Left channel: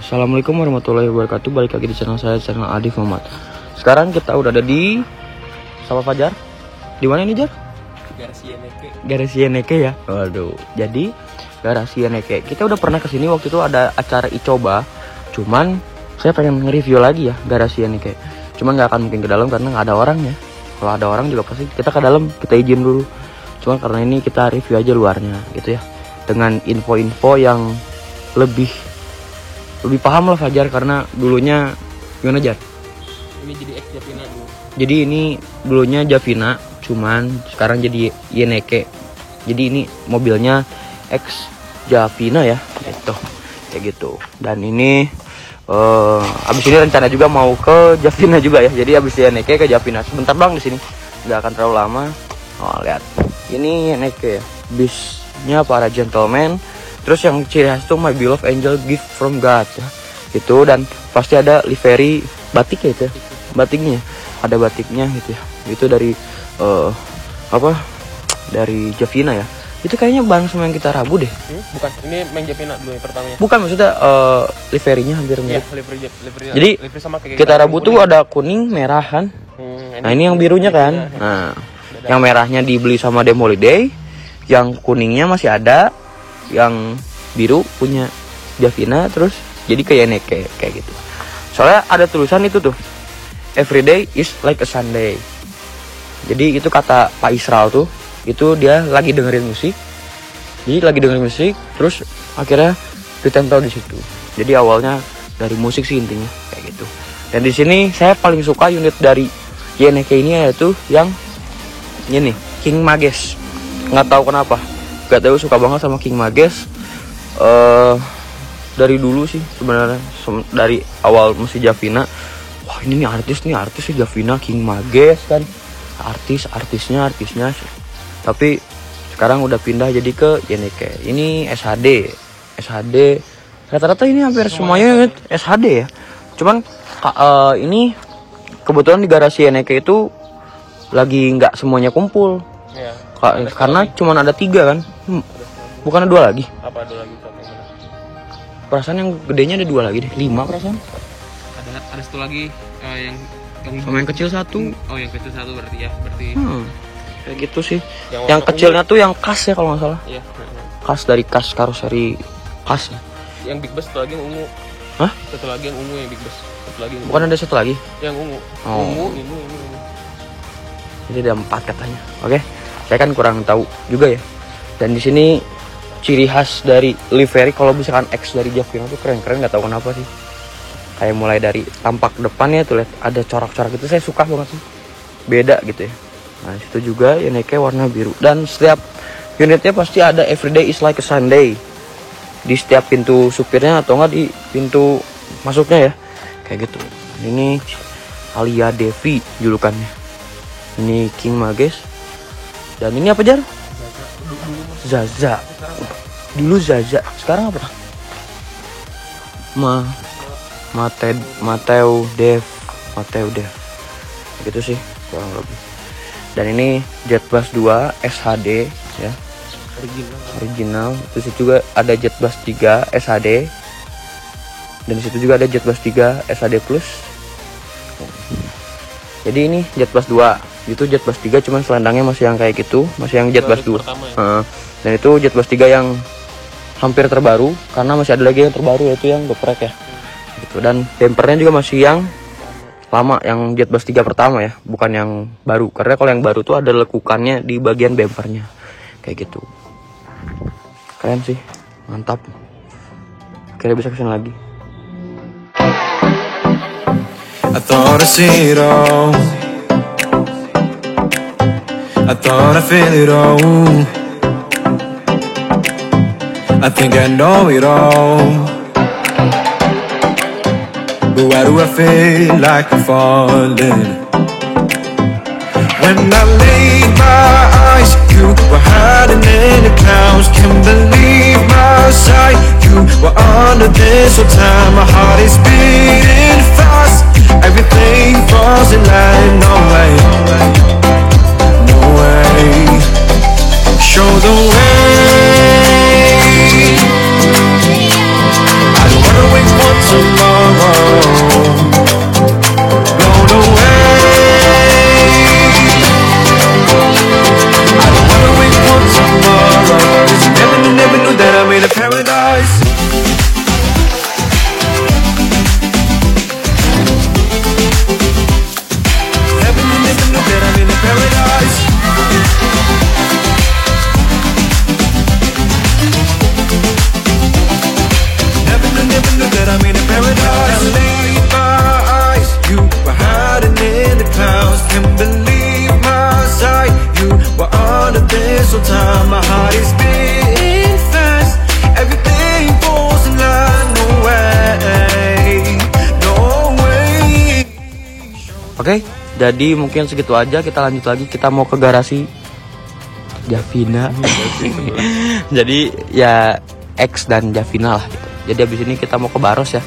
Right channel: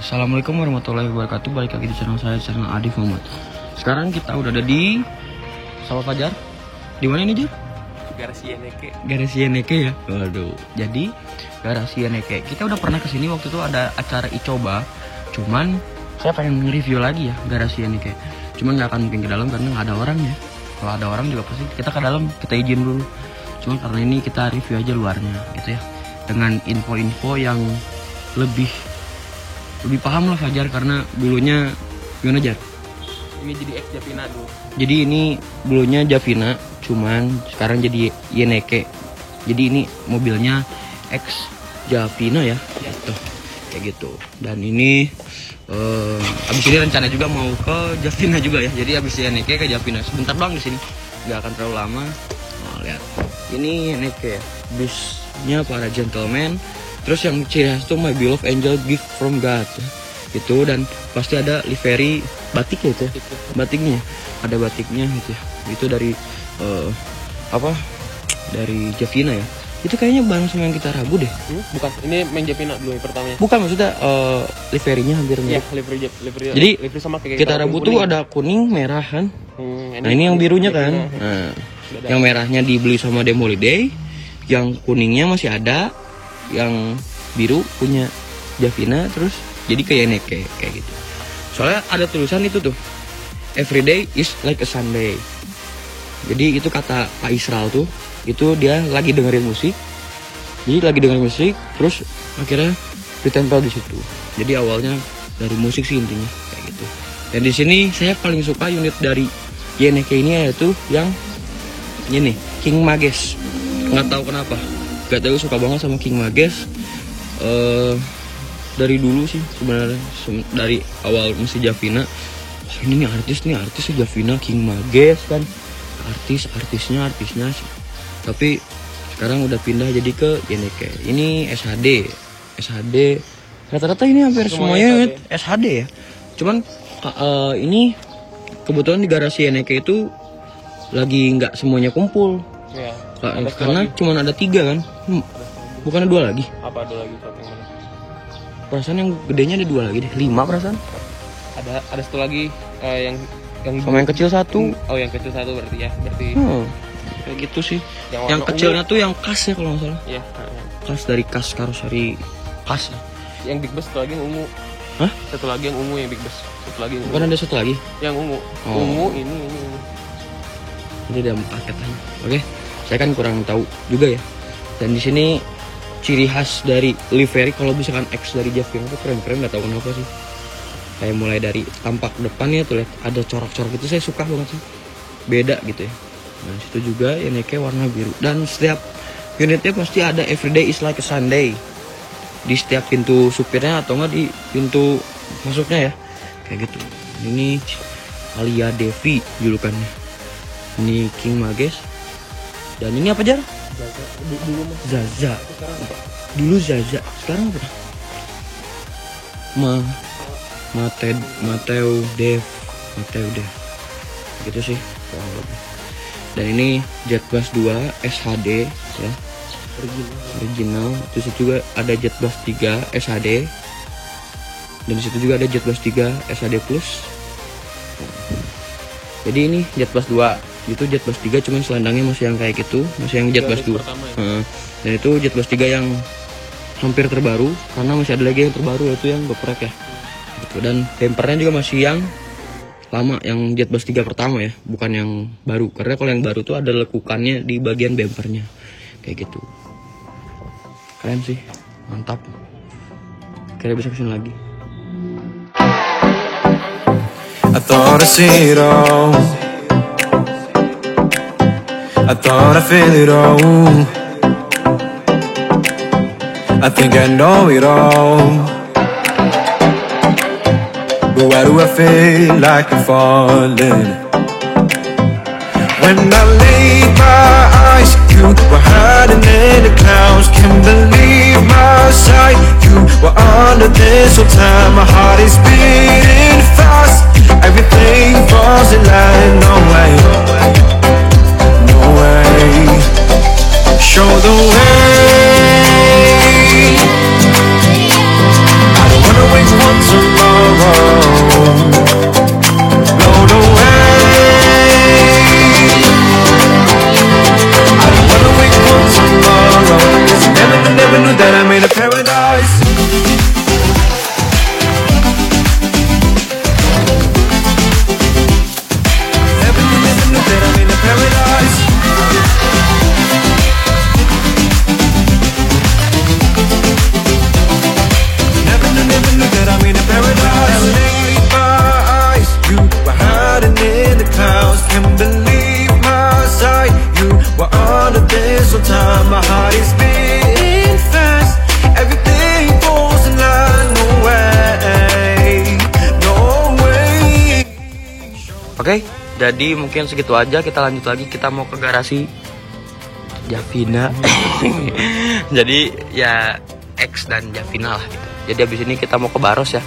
Assalamualaikum warahmatullahi wabarakatuh. Balik lagi di channel saya, channel Adif Muhammad. Sekarang kita udah ada di Sawah Fajar. Di mana ini, Jar? Garasi Yeneke. Garasi Yeneke ya. Waduh. Jadi Garasi Yeneke, kita udah pernah kesini waktu itu ada acara Icoba. Cuman saya pengen nge-review lagi ya Garasi Yeneke. Cuman nggak akan mungkin ke dalam karena nggak ada orangnya. Kalau ada orang juga pasti kita ke dalam, kita izin dulu. Cuman karena ini kita review aja luarnya gitu ya. Dengan info-info yang lebih paham lah Fajar, karena dulunya gimana, Jar? Ini jadi ex Javina dulu. Jadi ini dulunya Javina, cuman sekarang jadi Yeneke. Jadi ini mobilnya ex Javina ya, gitu. Kayak gitu. Dan ini abis ini rencana juga mau ke Javina juga ya. Jadi abis Yeneke ke Javina. Sebentar doang di sini, nggak akan terlalu lama. Oh lihat, ini Yeneke, bisnya para gentleman. Terus yang ciri khas itu My Beloved Angel Gift from God ya. Itu, dan pasti ada livery batik ya itu ya. Batiknya ada batiknya gitu ya. Itu dari dari Javina ya. Itu kayaknya bareng sama yang kita Rabu deh. Bukan, ini main Javina dulu yang pertamanya. Bukan, maksudnya liverynya hampir mirip. Livery. Jadi livery sama kayak kita Rabu tuh ada kuning, merah kan. Nah ini yang birunya kan. Nah, yang merahnya dibeli sama Demoliday, yang kuningnya masih ada, yang biru punya Javina, terus jadi kayak Yeneke kayak gitu. Soalnya ada tulisan itu tuh, every day is like a Sunday. Jadi itu kata Pak Israel tuh, itu dia lagi dengerin musik. Jadi lagi dengerin musik, terus akhirnya ditempel di situ. Jadi awalnya dari musik sih intinya kayak gitu. Dan di sini saya paling suka unit dari Yeneke ini yaitu yang ini King Mages. Nggak tahu kenapa. Gak tahu, suka banget sama King Mages. Dari dulu sih sebenarnya, dari awal masih Javina. Wah ini nih artis Javina, King Mages kan. Artisnya sih. Tapi sekarang udah pindah jadi ke Yeneke. Ini SHD. Rata-rata ini hampir semuanya SHD ya. Cuman ini kebetulan di Garasi Yeneke itu lagi nggak semuanya kumpul. Ya. Karena cuma ada 3 kan, bukan ada 2 lagi. Apa ada lagi? Perasaan yang gedenya ada 2 lagi deh, 5 perasaan. Ada satu lagi yang sama yang kecil 1. Oh yang kecil 1 berarti ya, Kayak gitu sih. Yang kecilnya tuh yang kas ya kalau nggak salah. Iya. Kas dari kas karoseri kas. Yang big bus satu lagi yang ungu. Hah? Satu lagi yang ungu, yang big bus. Satu lagi. Bukan ada satu lagi? Yang ungu. Oh. Ungu ini. Jadi ada 4 katanya. Oke. Saya kan kurang tahu juga ya. Dan di sini ciri khas dari livery kalau misalkan X dari Javina itu keren-keren, nggak tahu kenapa sih. Kayak mulai dari tampak depannya tuh lihat ada corak-corak gitu, saya suka banget sih. Beda gitu ya. Nah, situ juga Yeneke warna biru. Dan setiap unitnya pasti ada everyday is like a Sunday. Di setiap pintu supirnya atau enggak di pintu masuknya ya. Kayak gitu. Ini Alia Devi julukannya. Ini King Mages. Dan ini apa, Jan? Zaza. Dulu Zaza. Sekarang apa? Mateo Dev. Gitu sih kurang lebih. Dan ini Jetbus 2 SHD ya. Original. Terus juga ada Jetbus 3 SHD. Dan di situ juga ada Jetbus 3 SHD Plus. Jadi ini Jetbus 2. Itu Jetbus 3 cuman selendangnya masih yang kayak gitu, masih yang Jetbus 2. Ya? Dan itu Jetbus 3 yang hampir terbaru, karena masih ada lagi yang terbaru yaitu yang geprek ya. Gitu. Dan dampernya juga masih yang lama, yang Jetbus 3 pertama ya, bukan yang baru. Karena kalau yang baru tuh ada lekukannya di bagian bumpernya. Kayak gitu. Keren sih, mantap. Kira bisa kesini lagi. I thought I see it all. I thought I feel it all. I think I know it all. But why do I feel like I'm falling? When I laid my eyes, you were hiding in the clouds. Can't believe my sight. You were under this whole time. My heart is beating fast. Everything falls in line. No way. Show the way. I don't wanna wait one too my heart is beating fast. Everything falls in line, no way, no way. Oke, jadi mungkin segitu aja. Kita lanjut lagi. Kita mau ke garasi Javina. Jadi ya X dan Javina lah gitu. Jadi abis ini kita mau ke Baros ya.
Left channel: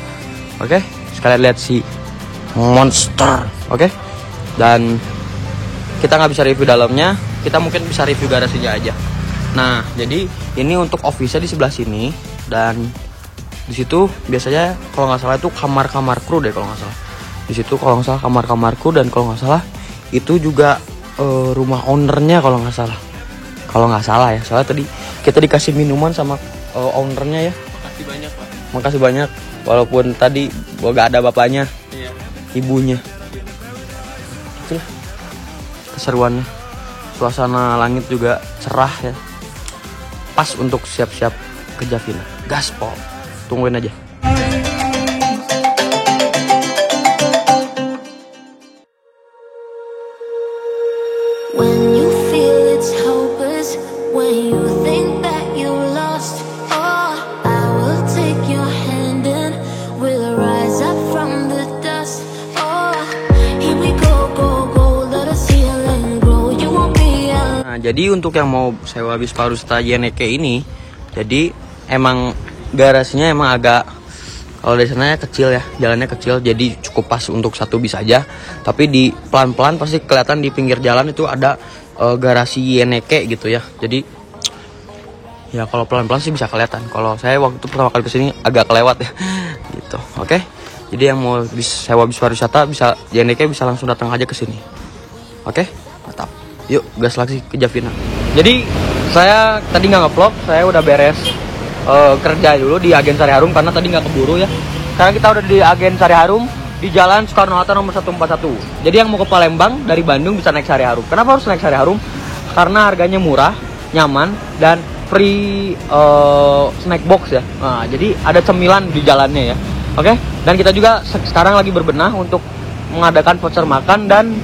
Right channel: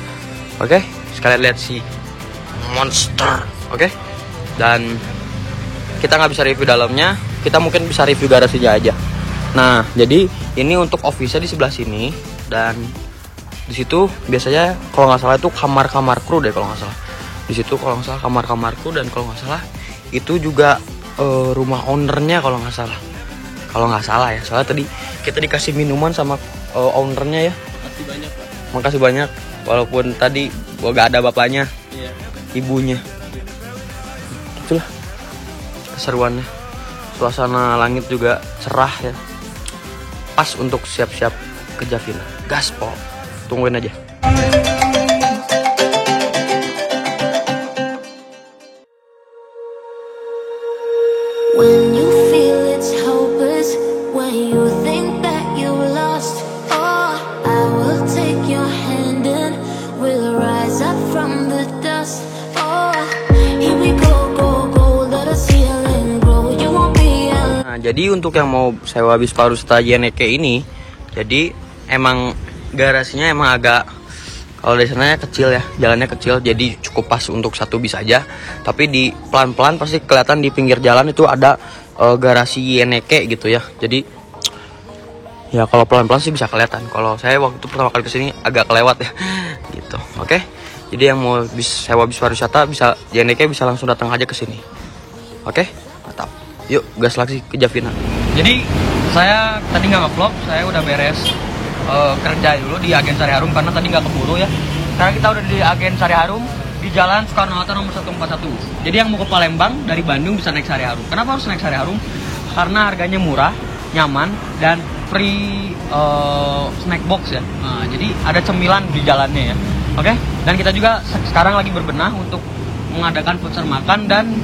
Oke, sekalian lihat si monster. Oke, dan kita nggak bisa review dalamnya. Kita mungkin bisa review garasinya aja. Nah, jadi ini untuk office-nya di sebelah sini, dan di situ biasanya kalau nggak salah itu kamar-kamar kru deh kalau nggak salah. Di situ kalau nggak salah kamar-kamar kru, dan kalau nggak salah itu juga rumah ownernya kalau nggak salah. Kalau nggak salah ya, soalnya tadi kita dikasih minuman sama ownernya ya. Makasih banyak Pak. Makasih banyak, walaupun tadi gua gak ada bapaknya, Iya. ibunya. Itulah keseruannya. Suasana langit juga cerah ya. Pas untuk siap-siap ke Javina. Gaspol. Tungguin aja. When you feel it's hopeless, when you think that you lost, oh, I will take your hand and we'll rise up from the dust. Oh, here we go, go, go, let us heal and grow. You won't be alone. Nah, jadi untuk yang mau sewa bis Parusta Yeneke ini, jadi emang garasinya emang agak, kalau dari sana kecil ya, jalannya kecil, jadi cukup pas untuk satu bis aja. Tapi di pelan-pelan pasti kelihatan di pinggir jalan itu ada garasi Yeneke gitu ya. Jadi ya kalau pelan-pelan sih bisa kelihatan. Kalau saya waktu itu pertama kali kesini agak kelewat ya, gitu. Oke. Jadi yang mau sewa bis pariwisata bisa Yeneke bisa langsung datang aja ke sini. Oke, mantap. Yuk gas lagi ke Javina. Jadi saya tadi nggak nge-vlog, saya udah beres kerja dulu di Agen Sari Harum karena tadi nggak keburu ya. Sekarang kita udah di Agen Sari Harum di Jalan Soekarno-Hatta nomor 141. Jadi yang mau ke Palembang dari Bandung bisa naik Sari Harum. Kenapa harus naik Sari Harum? Karena harganya murah, nyaman, dan free snack box ya. Nah, jadi ada cemilan di jalannya ya. Oke? Dan kita juga sekarang lagi berbenah untuk mengadakan voucher makan, dan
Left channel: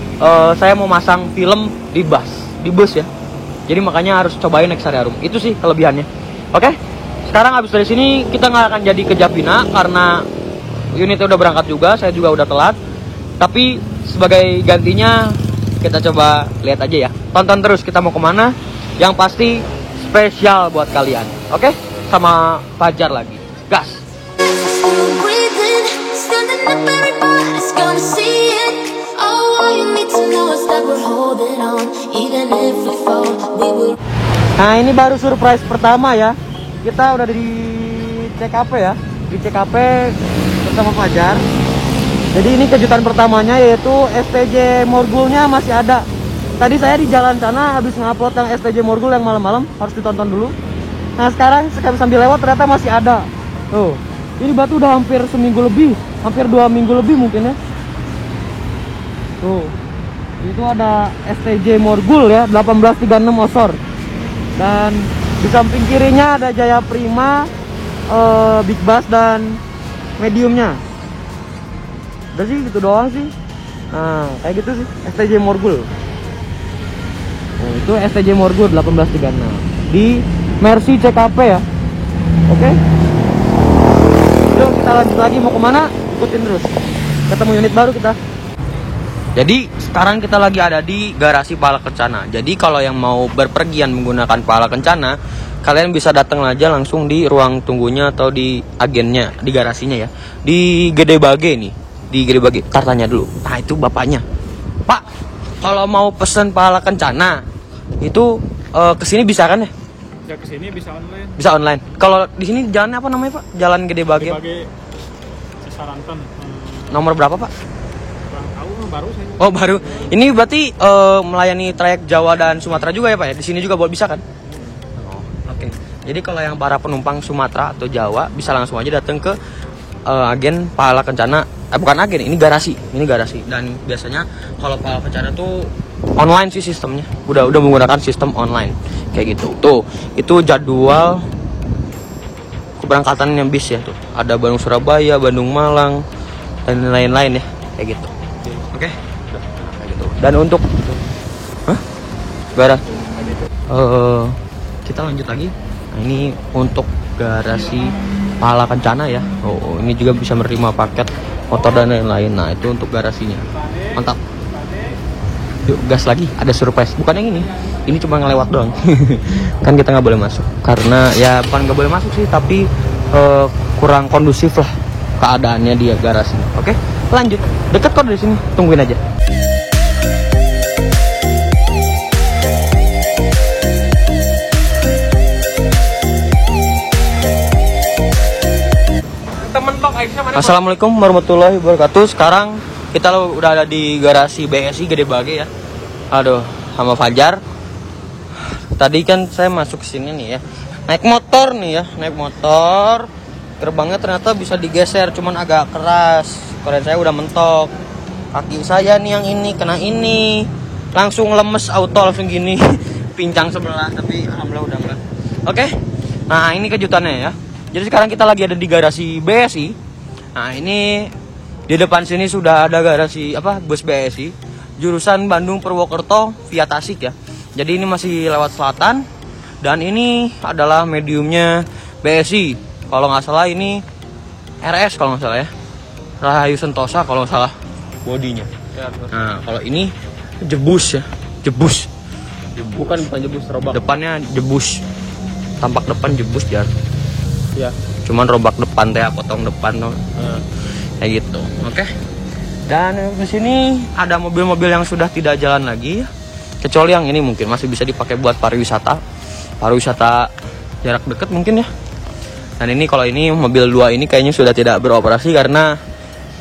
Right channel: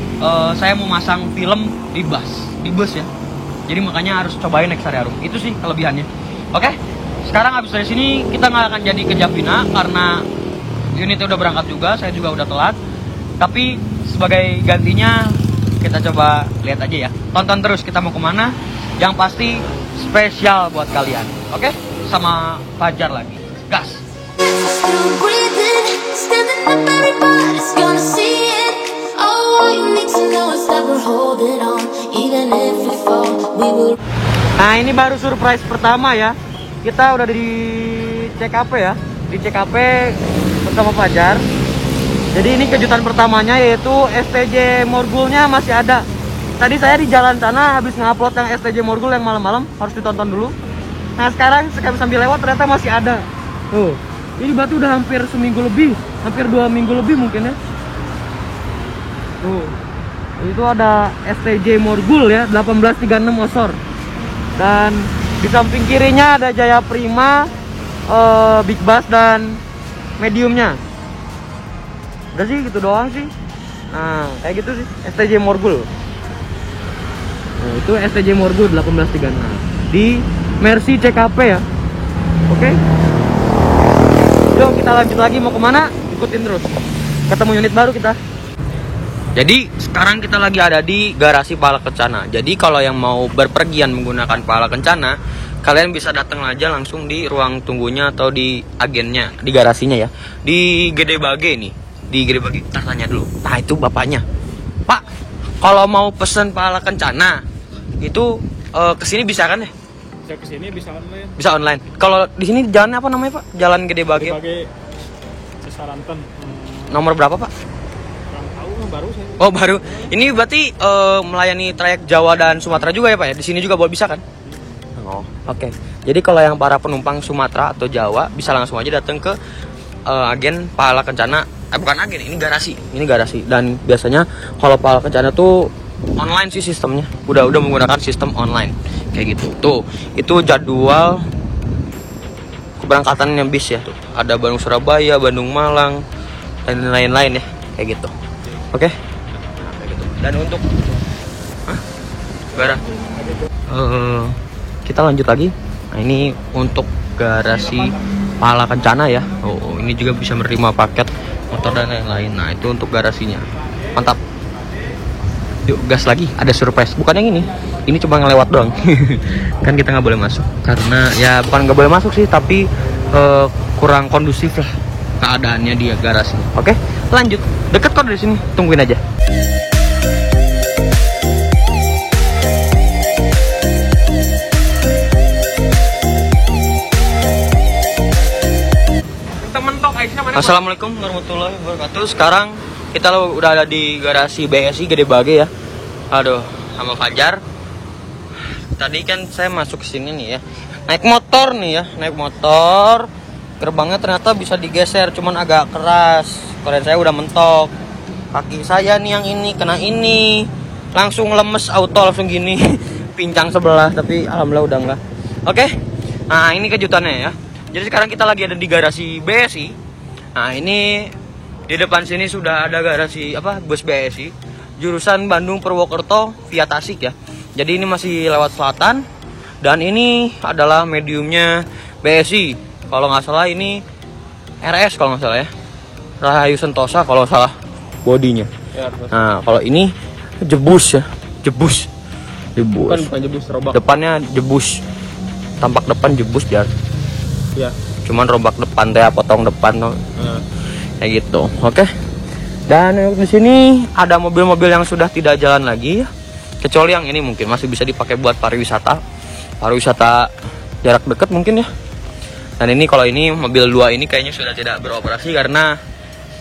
saya mau masang film di bus ya. Jadi makanya harus cobain naik Sari Harum. Itu sih kelebihannya. Oke? Sekarang habis dari sini kita nggak akan jadi ke Javina karena unitnya udah berangkat juga, saya juga udah telat. Tapi sebagai gantinya kita coba lihat aja ya. Tonton terus kita mau kemana. Yang pasti spesial buat kalian. Oke? Sama Fajar lagi. Gas. Still breathing, standing up, everybody's gonna see it. Oh, all you need to know is that we're holding on, even if we fall, we will. Nah, ini baru surprise pertama ya. Kita udah di CKP ya. Di CKP bersama Fajar. Jadi ini kejutan pertamanya yaitu STJ Morgulnya masih ada. Tadi saya di jalan sana habis ngupload yang STJ Morgul yang malam-malam, harus ditonton dulu. Nah, sekarang sambil lewat ternyata masih ada. Tuh. Ini batu udah hampir seminggu lebih, hampir 2 minggu lebih mungkin ya. Tuh. Itu ada STJ Morgul ya, 1836 Osor. Dan di samping kirinya ada Jaya Prima, Big Bass dan mediumnya. Udah sih gitu doang sih. Nah kayak gitu sih STJ Morgul. Oh, itu STJ Morgul 1836 di Mercy CKP ya. Oke. Yuk kita lanjut lagi, mau kemana? Ikutin terus. Ketemu unit baru kita. Jadi sekarang kita lagi ada di garasi Pahala Kencana. Jadi kalau yang mau berpergian menggunakan Pahala Kencana, kalian bisa datang aja langsung di ruang tunggunya atau di agennya, di garasinya ya. Di Gede Bage nih, di Gede Bage. Ntar tanya dulu. Nah itu bapaknya. Pak, kalau mau pesen Pahala Kencana itu kesini bisa kan ya? Bisa kesini, bisa online. Bisa online. Kalau di sini jalannya apa namanya Pak? Jalan Gede Bage. Sebagai Cisaranten. Nomor berapa Pak? Kurang tahu, baru saya. Oh baru. Ini berarti melayani trayek Jawa dan Sumatera juga ya Pak ya? Di sini juga bisa kan? Oh oke. Jadi kalau yang para penumpang Sumatera atau Jawa bisa langsung aja datang ke agen Pahala Kencana. Bukan agen, ini garasi. Ini garasi. Dan biasanya kalau Pahala Kencana tuh online sih sistemnya. Udah menggunakan sistem online kayak gitu. Tuh itu jadwal keberangkatannya bis ya tuh. Ada Bandung Surabaya, Bandung Malang dan lain-lain ya kayak gitu. Oke. Nah, kayak gitu. Dan untuk kita lanjut lagi. Nah, ini untuk garasi Pahala Kencana ya. Oh, ini juga bisa menerima paket motor dan lain-lain. Nah, itu untuk garasinya. Mantap. Yuk gas lagi, ada surprise. Bukan yang ini cuma ngelewat doang. Kan kita nggak boleh masuk karena ya bukan nggak boleh masuk sih, tapi kurang kondusif lah keadaannya di garasinya. Oke, lanjut. Deket kok dari sini, tungguin aja. Assalamualaikum warahmatullahi wabarakatuh. Sekarang kita udah ada di garasi BSI Gede Bage ya. Aduh, sama Fajar. Tadi kan saya masuk ke sini nih ya. Naik motor nih ya, naik motor. Gerbangnya ternyata bisa digeser, cuman agak keras. Keren saya udah mentok. Kaki saya nih yang ini kena ini. Langsung lemes auto langsung gini. Pincang sebelah, tapi alhamdulillah udah enggak. Oke. Nah, ini kejutannya ya. Jadi sekarang kita lagi ada di garasi BSI. Nah, ini di depan sini sudah ada garasi bus BSI jurusan Bandung Purwokerto via Tasik ya. Jadi ini masih lewat selatan dan ini adalah mediumnya BSI. Kalau nggak salah ini RS kalau nggak salah ya. Rahayu Sentosa kalau nggak salah bodinya. Nah, kalau ini jebus ya, jebus. Bukan jebus, robak. Depannya jebus. Tampak depan jebus jar. Ya. Cuman robak depan teh, potong depan tuh. Kayak gitu. Oke. Dan di sini ada mobil-mobil yang sudah tidak jalan lagi ya. Kecuali yang ini mungkin masih bisa dipakai buat pariwisata. Pariwisata jarak dekat mungkin ya. Dan ini kalau ini mobil 2 ini kayaknya sudah tidak beroperasi karena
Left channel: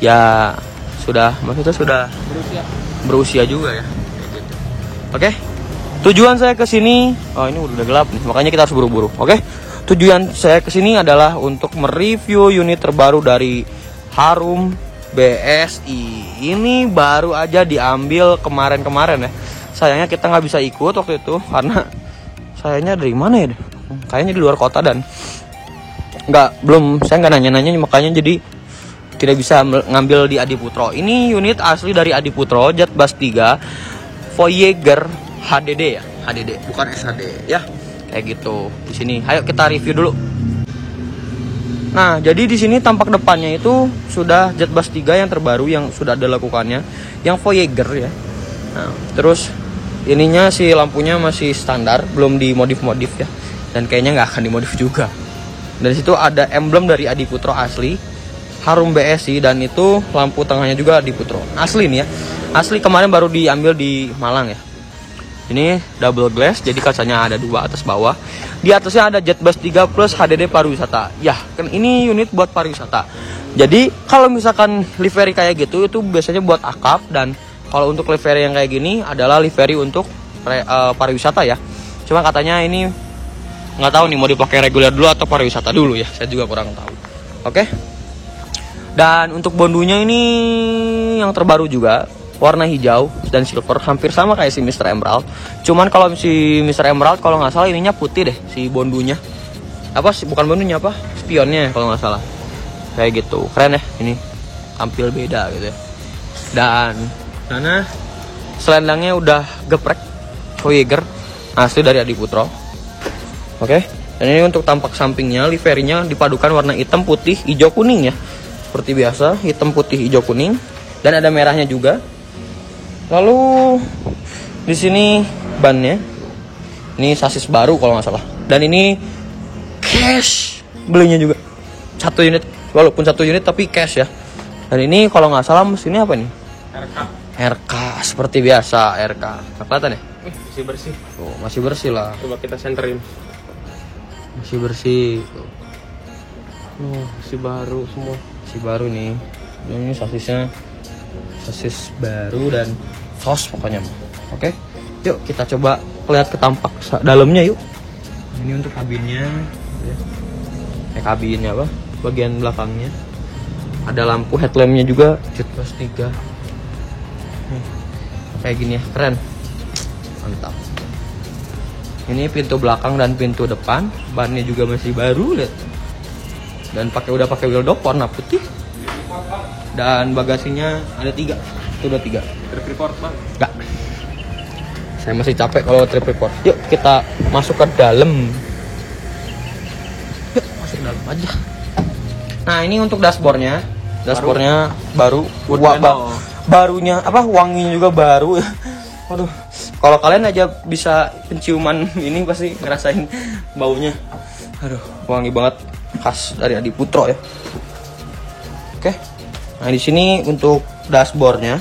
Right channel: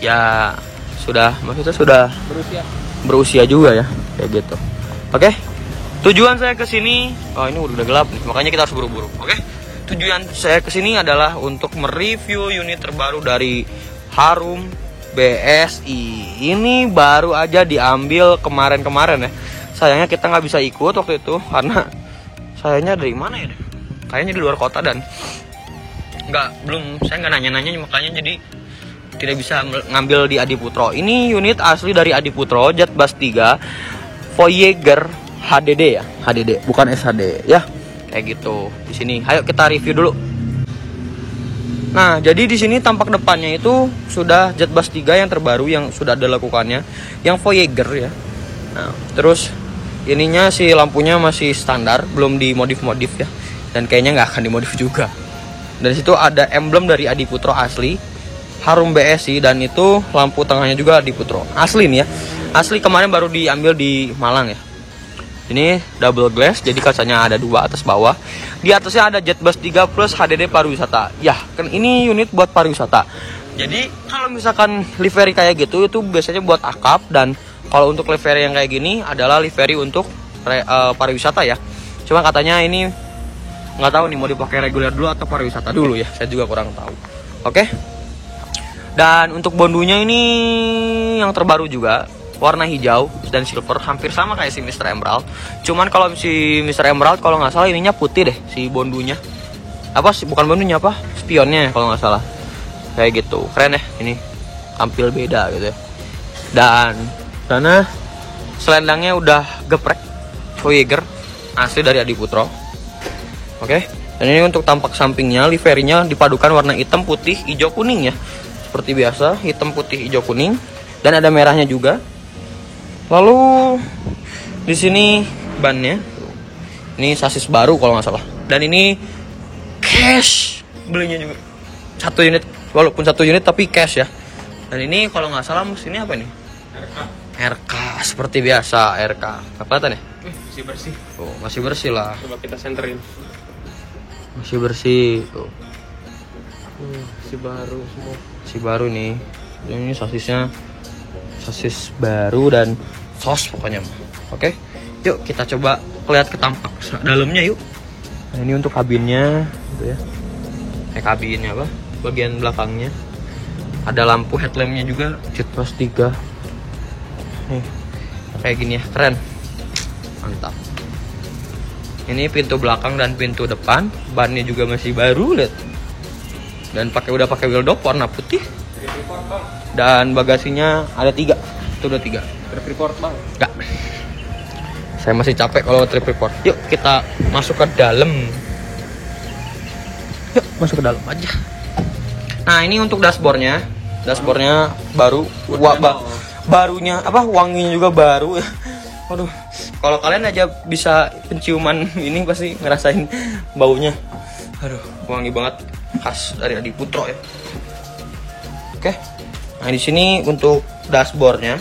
ya maksudnya sudah berusia juga ya, kayak gitu. Oke. Tujuan saya ke sini, ini udah gelap nih, makanya kita harus buru-buru. Oke. Tujuan saya ke sini adalah untuk mereview unit terbaru dari Harum BSI. Ini baru aja diambil kemarin-kemarin ya. Sayangnya kita nggak bisa ikut waktu itu karena sayangnya dari mana ya? Kayaknya di luar kota dan saya nggak nanya-nanya, makanya jadi tidak bisa ngambil di Adiputro. Ini unit asli dari Adiputro, Jet Bus 3 Voyager HDD ya, HDD bukan SHD ya. Kayak gitu. Di sini, ayo kita review dulu. Nah, jadi di sini tampak depannya itu sudah Jet Bus 3 yang terbaru yang sudah ada lakukannya, yang Voyager ya. Nah, terus ininya si lampunya masih standar, belum dimodif-modif ya. Dan kayaknya nggak akan dimodif juga. Dan situ ada emblem dari Adiputro asli, Harum BSI, dan itu lampu tengahnya juga Adiputro. Asli nih ya. Asli kemarin baru diambil di Malang ya. Ini double glass, jadi kacanya ada 2 atas bawah. Di atasnya ada Jet Bus 3 plus HDD pariwisata. Ya, kan ini unit buat pariwisata. Jadi kalau misalkan livery kayak gitu itu biasanya buat akap, dan kalau untuk livery yang kayak gini adalah livery untuk pariwisata ya. Cuma katanya ini nggak tahu nih mau dipakai reguler dulu atau pariwisata dulu ya. Saya juga kurang tahu. Oke. Dan untuk bondunya ini yang terbaru juga. Warna hijau dan silver, hampir sama kayak si Mr. Emerald. Cuman kalau si Mr. Emerald kalau nggak salah ininya putih deh, si bondunya. Bukan bondunya spionnya kalau nggak salah. Kayak gitu, keren ya ini. Tampil beda gitu ya. Dan sana selendangnya udah geprek Voyager asli dari Adiputro. Oke. Dan ini untuk tampak sampingnya, liverynya dipadukan warna hitam, putih, hijau, kuning ya. Seperti biasa, hitam, putih, hijau, kuning. Dan ada merahnya juga. Lalu di sini bannya, ini sasis baru kalau nggak salah. Dan ini cash belinya juga 1 unit, walaupun 1 unit tapi cash ya. Dan ini kalau nggak salah mesinnya apa nih? RK seperti biasa RK. Kelihatan ya? Masih bersih. Tuh, masih bersih lah. Coba kita senterin. Masih bersih tuh. Masih baru semua. Masih baru nih. Dan ini sasis baru dan sos pokoknya. Oke, yuk kita coba lihat ke tampak dalamnya yuk. Nah, ini untuk kabinnya gitu ya. Kabinnya bagian belakangnya ada lampu headlampnya juga Jet Bus 3 nih, kayak gini ya, keren, mantap. Ini pintu belakang dan pintu depan, bannya juga masih baru, lihat. Dan udah pakai wheel dop warna putih. Dan bagasinya ada 3. Itu udah 3. Report bang? Enggak. Saya masih capek kalau trip report. Yuk kita masuk ke dalam. Yuk masuk ke dalam aja. Nah ini untuk dashboardnya. Dashboardnya baru. Barunya apa? Wanginya juga baru. Waduh. Kalau kalian aja bisa penciuman ini pasti ngerasain baunya. Aduh, wangi banget. Khas dari Adi Putro ya. Oke. Nah di sini untuk dashboardnya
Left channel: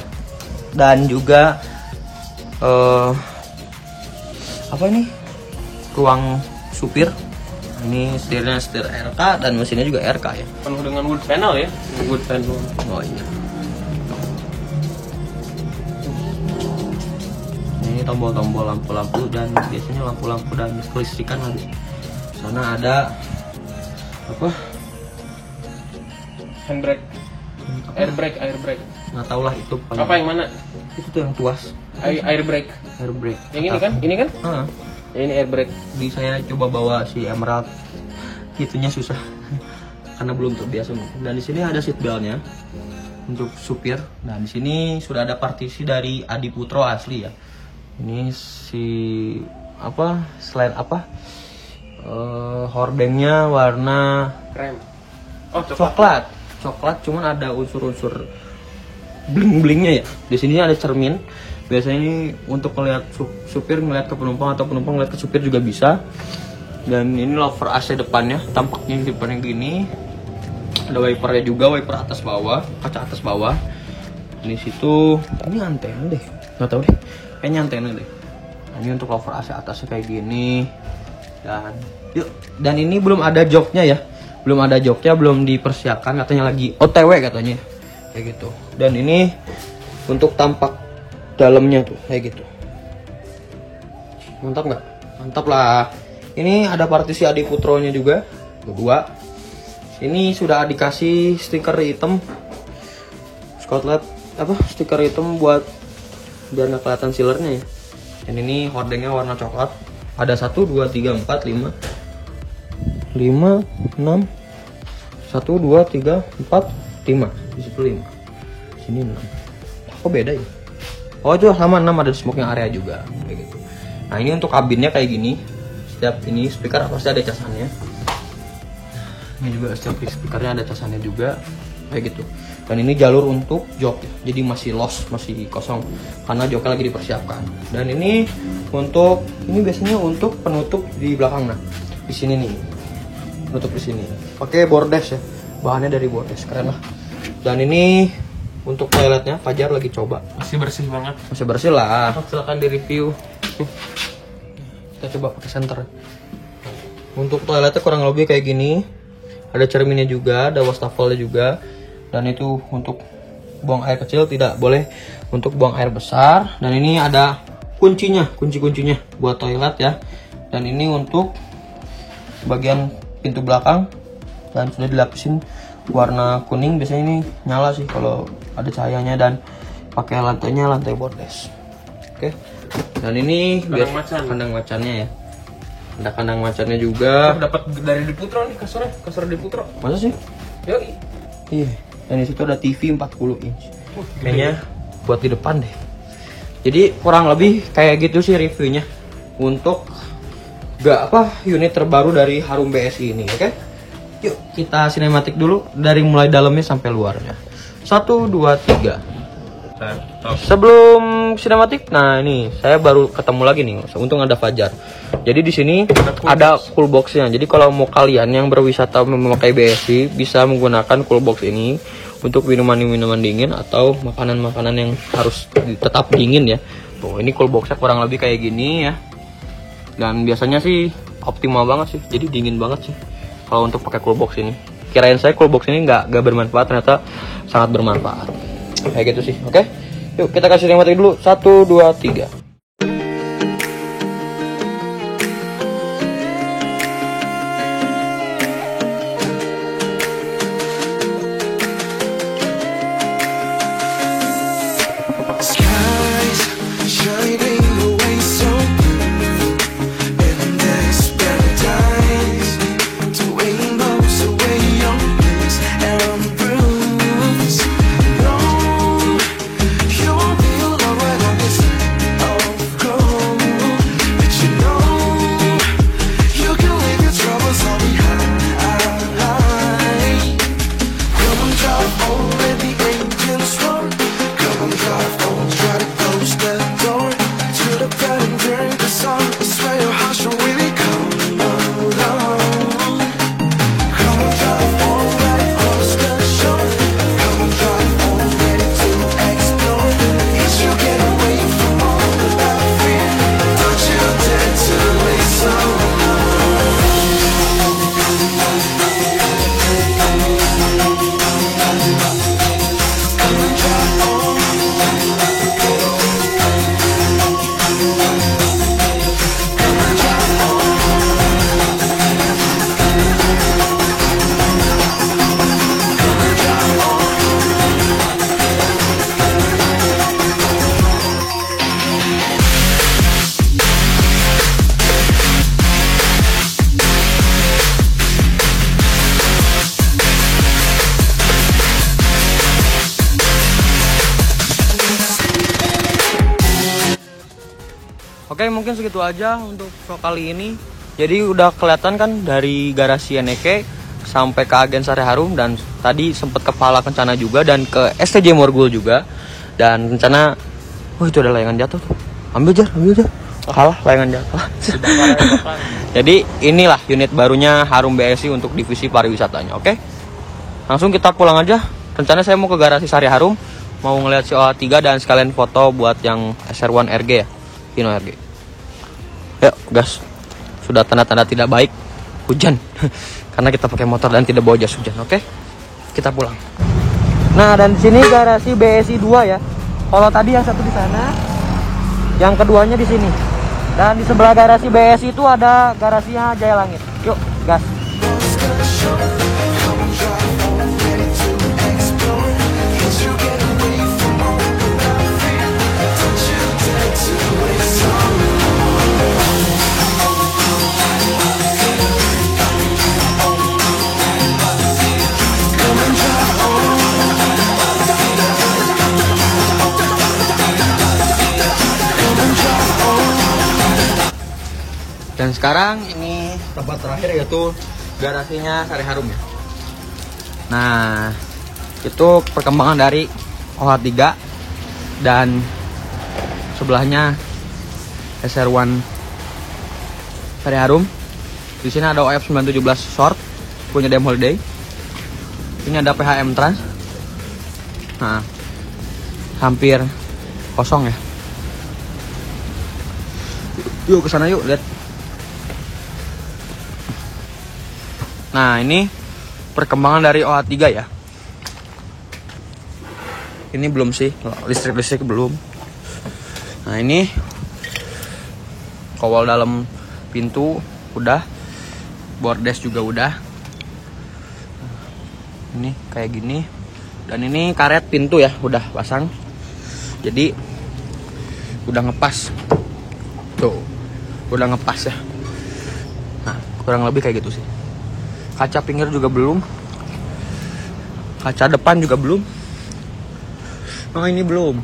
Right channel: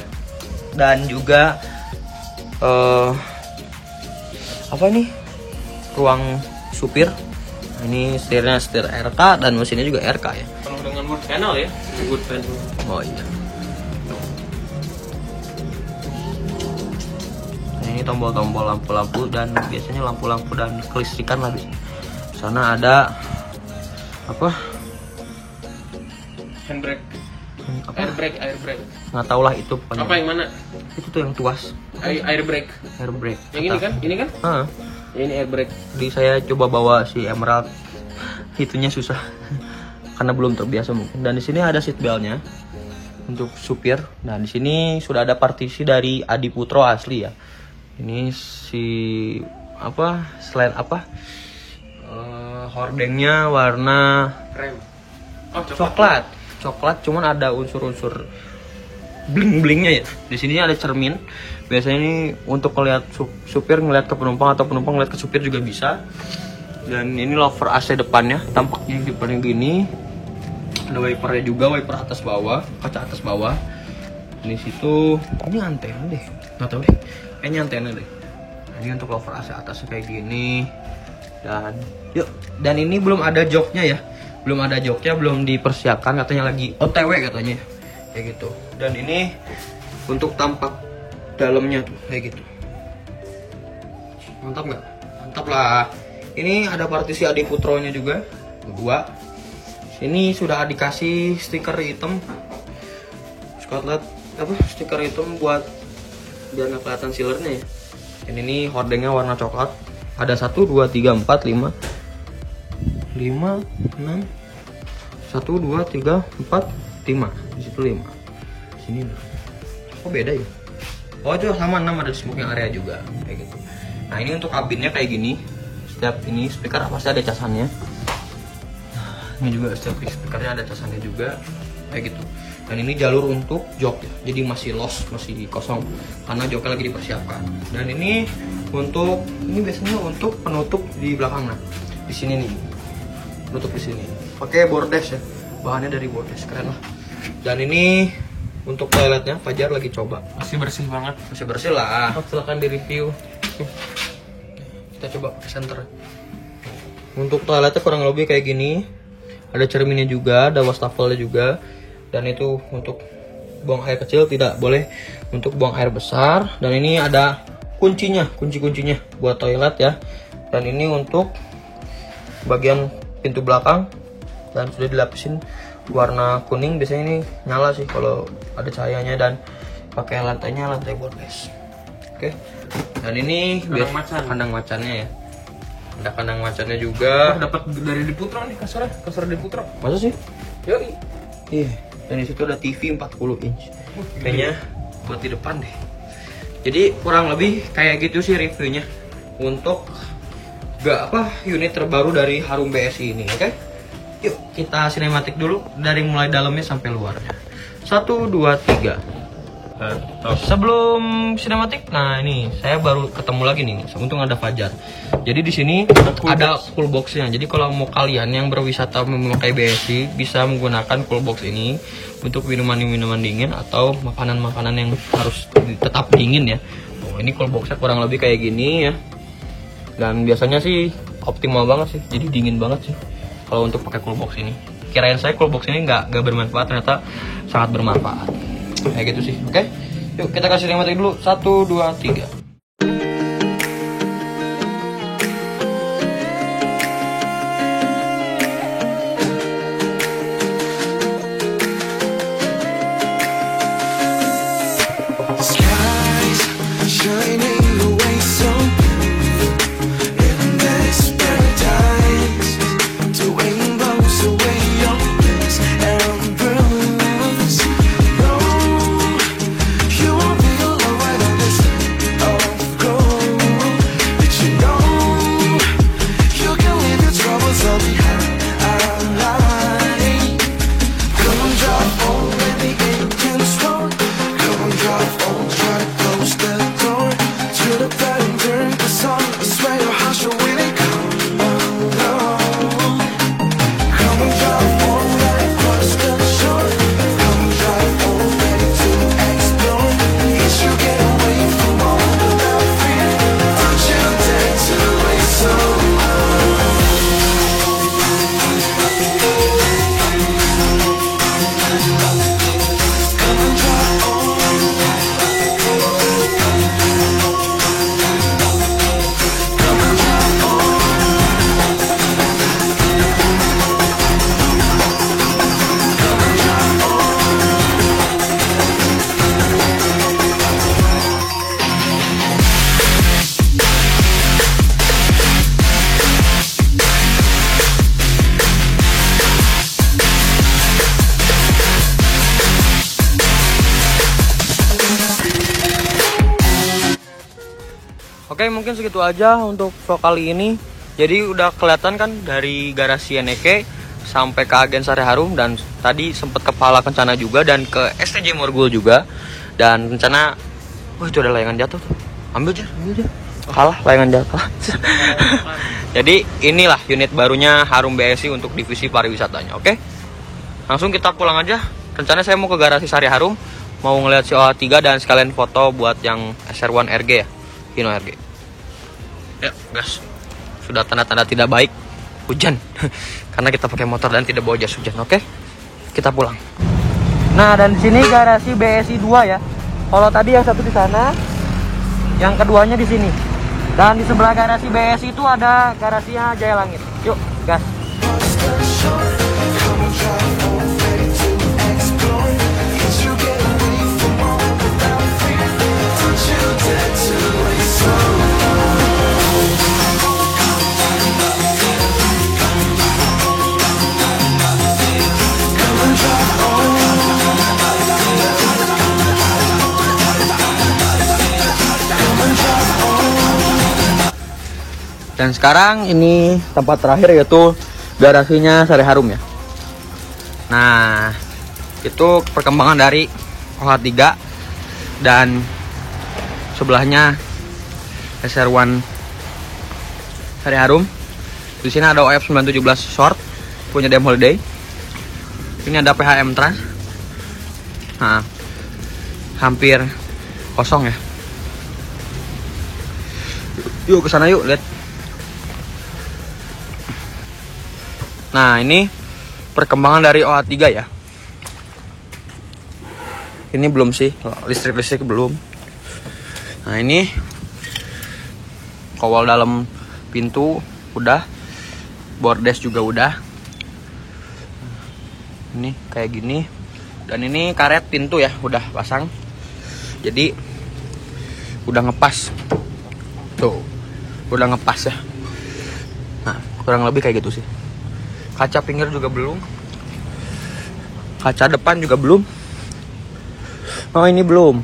dan juga apa ini ruang supir. Nah, ini setirnya setir RK dan mesinnya juga RK ya. Penuh dengan wood panel ya. Wood panel. Oh iya. Nah, ini tombol-tombol lampu-lampu dan biasanya lampu-lampu dan kelistrikan lah di sana ada apa? Handbrake. Air brake. Nggak tahu lah itu pokoknya. Apa yang mana? Itu tuh yang tuas. Air brake. Air brake. Yang ini kan? Ini kan? Ya, ini air brake. Jadi saya coba bawa si Emerald, itunya susah karena belum terbiasa mungkin. Dan di sini ada seat beltnya untuk supir. Nah di sini sudah ada partisi dari Adi Putro asli ya. Ini si apa? Selain apa? Hordengnya warna Krem. Oh, coklat. Cuman ada unsur-unsur bling-blingnya ya. Di sini ada cermin. Biasanya ini untuk melihat supir ngelihat ke penumpang atau penumpang ngelihat ke supir juga bisa. Dan ini lover AC depannya, tampaknya di depannya gini. Ada wipernya juga, wiper atas bawah, kaca atas bawah. Di situ ini antena deh. Nggak tahu deh. Kayaknya antena deh. Nah, ini untuk lover AC atasnya kayak gini. Dan ini belum ada joknya ya. Belum dipersiapkan, katanya lagi OTW katanya. Kayak gitu. Dan ini untuk tampak dalamnya tuh kayak gitu. Mantap nggak? Mantap lah. Ini ada partisi Adi Putronya juga, kedua. Ini sudah dikasih stiker hitam, Scotland apa? Stiker hitam buat biar nggak kelihatan sealernya ya. Dan ini hordengnya warna coklat. Ada 1, 2, 3, 4, 5, 6, 1, 2, 3, 4, 5. Di situ 5. Sini 6. Kok beda ya? Oh itu sama 6, ada smoking area juga kayak gitu. Nah ini untuk kabinnya kayak gini. Setiap ini speaker pasti ada casannya. Ini juga setiap speakernya ada casannya juga kayak gitu. Dan ini jalur untuk jok ya. Jadi masih lost, masih kosong karena joknya lagi dipersiapkan. Dan ini untuk biasanya untuk penutup di belakang. Nah di sini nih penutup di sini. Pakai bordes ya. Bahannya dari bordes, keren lah. Dan ini untuk toiletnya Fajar lagi coba. Masih bersih banget. Masih bersih lah. Silakan di review. Kita coba pakai senter. Untuk toiletnya kurang lebih kayak gini. Ada cerminnya juga, ada wastafelnya juga. Dan itu untuk buang air kecil, tidak boleh untuk buang air besar. Dan ini ada kuncinya, kunci-kuncinya buat toilet ya. Dan ini untuk bagian pintu belakang. Dan sudah dilapisin warna kuning. Biasanya ini nyala sih kalau ada cahayanya. Dan pakai lantainya lantai bordes. Oke. Dan ini kandang macannya ya. Ada kandang macannya juga. Dapat dari Adi Putro nih kasurnya, kasur Adi Putro. Masa sih? Yoi. Ih, dan di situ ada TV 40 inch. Kayaknya buat di depan deh. Jadi kurang lebih kayak gitu sih reviewnya untuk unit terbaru dari Harum BSI ini, oke? Yuk kita sinematik dulu dari mulai dalamnya sampai luarnya. 1, 2, 3. Sebelum sinematik, nah ini saya baru ketemu lagi nih. Untung ada Fajar. Jadi di sini ada cool boxnya. Jadi kalau mau kalian yang berwisata memakai BSI bisa menggunakan cool box ini untuk minuman dingin atau makanan-makanan yang harus tetap dingin ya. Tuh, ini cool boxnya kurang lebih kayak gini ya. Dan biasanya sih optimal banget sih. Jadi dingin banget sih kalau untuk pakai cool box ini. Kirain saya cool box ini nggak bermanfaat, ternyata sangat bermanfaat. Kayak gitu sih, oke? Yuk kita kasih sinematik dulu. 1, 2, 3. Skies shining away so blue in this paradise. Doing blows away your bliss and bruise. No, you'll be alright on this. Oh, Oke, mungkin segitu aja untuk vlog kali ini. Jadi udah kelihatan kan dari garasi Eneke sampai ke Agen Sari Harum, dan tadi sempat ke Pala Kencana juga dan ke STJ Morgul juga. Dan rencana, itu ada layangan jatuh. Ambil aja. Kalah layangan jatuh. Jadi inilah unit barunya Harum BSI untuk divisi pariwisatanya. Oke, langsung kita pulang aja. Rencana saya mau ke garasi Sari Harum, mau ngeliat si OH3 dan sekalian foto buat yang SR1 RG ya, Hino RG. Yuk gas. Sudah tanda-tanda tidak baik, hujan. Karena kita pakai motor dan tidak bawa jas hujan. Oke, kita pulang. Nah, dan di sini garasi BSI 2 ya. Kalau tadi yang satu di sana, yang keduanya di sini. Dan di sebelah garasi BSI itu ada garasinya Jaya Langit. Yuk, gas. Dan sekarang ini tempat terakhir yaitu garasinya Sari Harum ya. Nah, itu perkembangan dari OH3 dan sebelahnya SR1 Sari Harum. Di sini ada OF 917 short punya DM Holiday. Ini ada PHM Trans. Nah, hampir kosong ya. Yuk ke sana yuk, lihat. Nah, ini perkembangan dari OH3 ya. Ini belum sih, listrik belum. Nah, ini kawal dalam pintu udah, bordes juga udah. Ini kayak gini. Dan ini karet pintu ya, udah pasang. Jadi udah ngepas. Tuh, udah ngepas ya. Nah, kurang lebih kayak gitu sih. Kaca pinggir juga belum. Kaca depan juga belum. Oh, ini belum.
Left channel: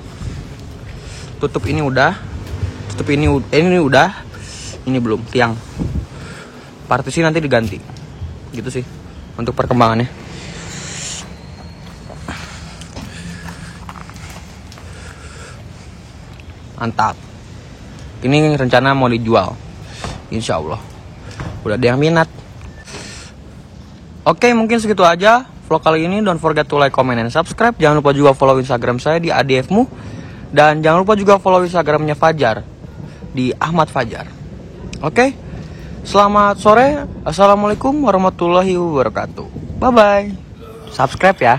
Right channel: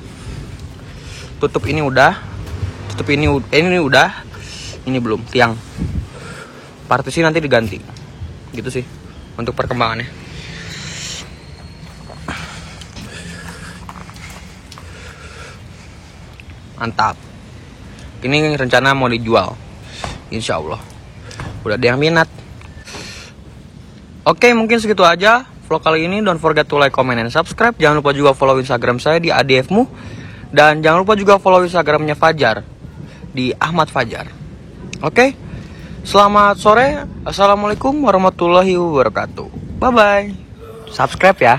Tutup ini udah. Tutup ini udah. Ini belum. Tiang. Partisi nanti diganti. Gitu sih untuk perkembangannya. Mantap. Ini rencana mau dijual. Insya Allah. Udah ada yang minat. Oke, mungkin segitu aja vlog kali ini. Don't forget to like, comment, and subscribe. Jangan lupa juga follow Instagram saya di ADFmu. Dan jangan lupa juga follow Instagramnya Fajar di Ahmad Fajar. Oke, selamat sore. Assalamualaikum warahmatullahi wabarakatuh. Bye-bye. Subscribe ya.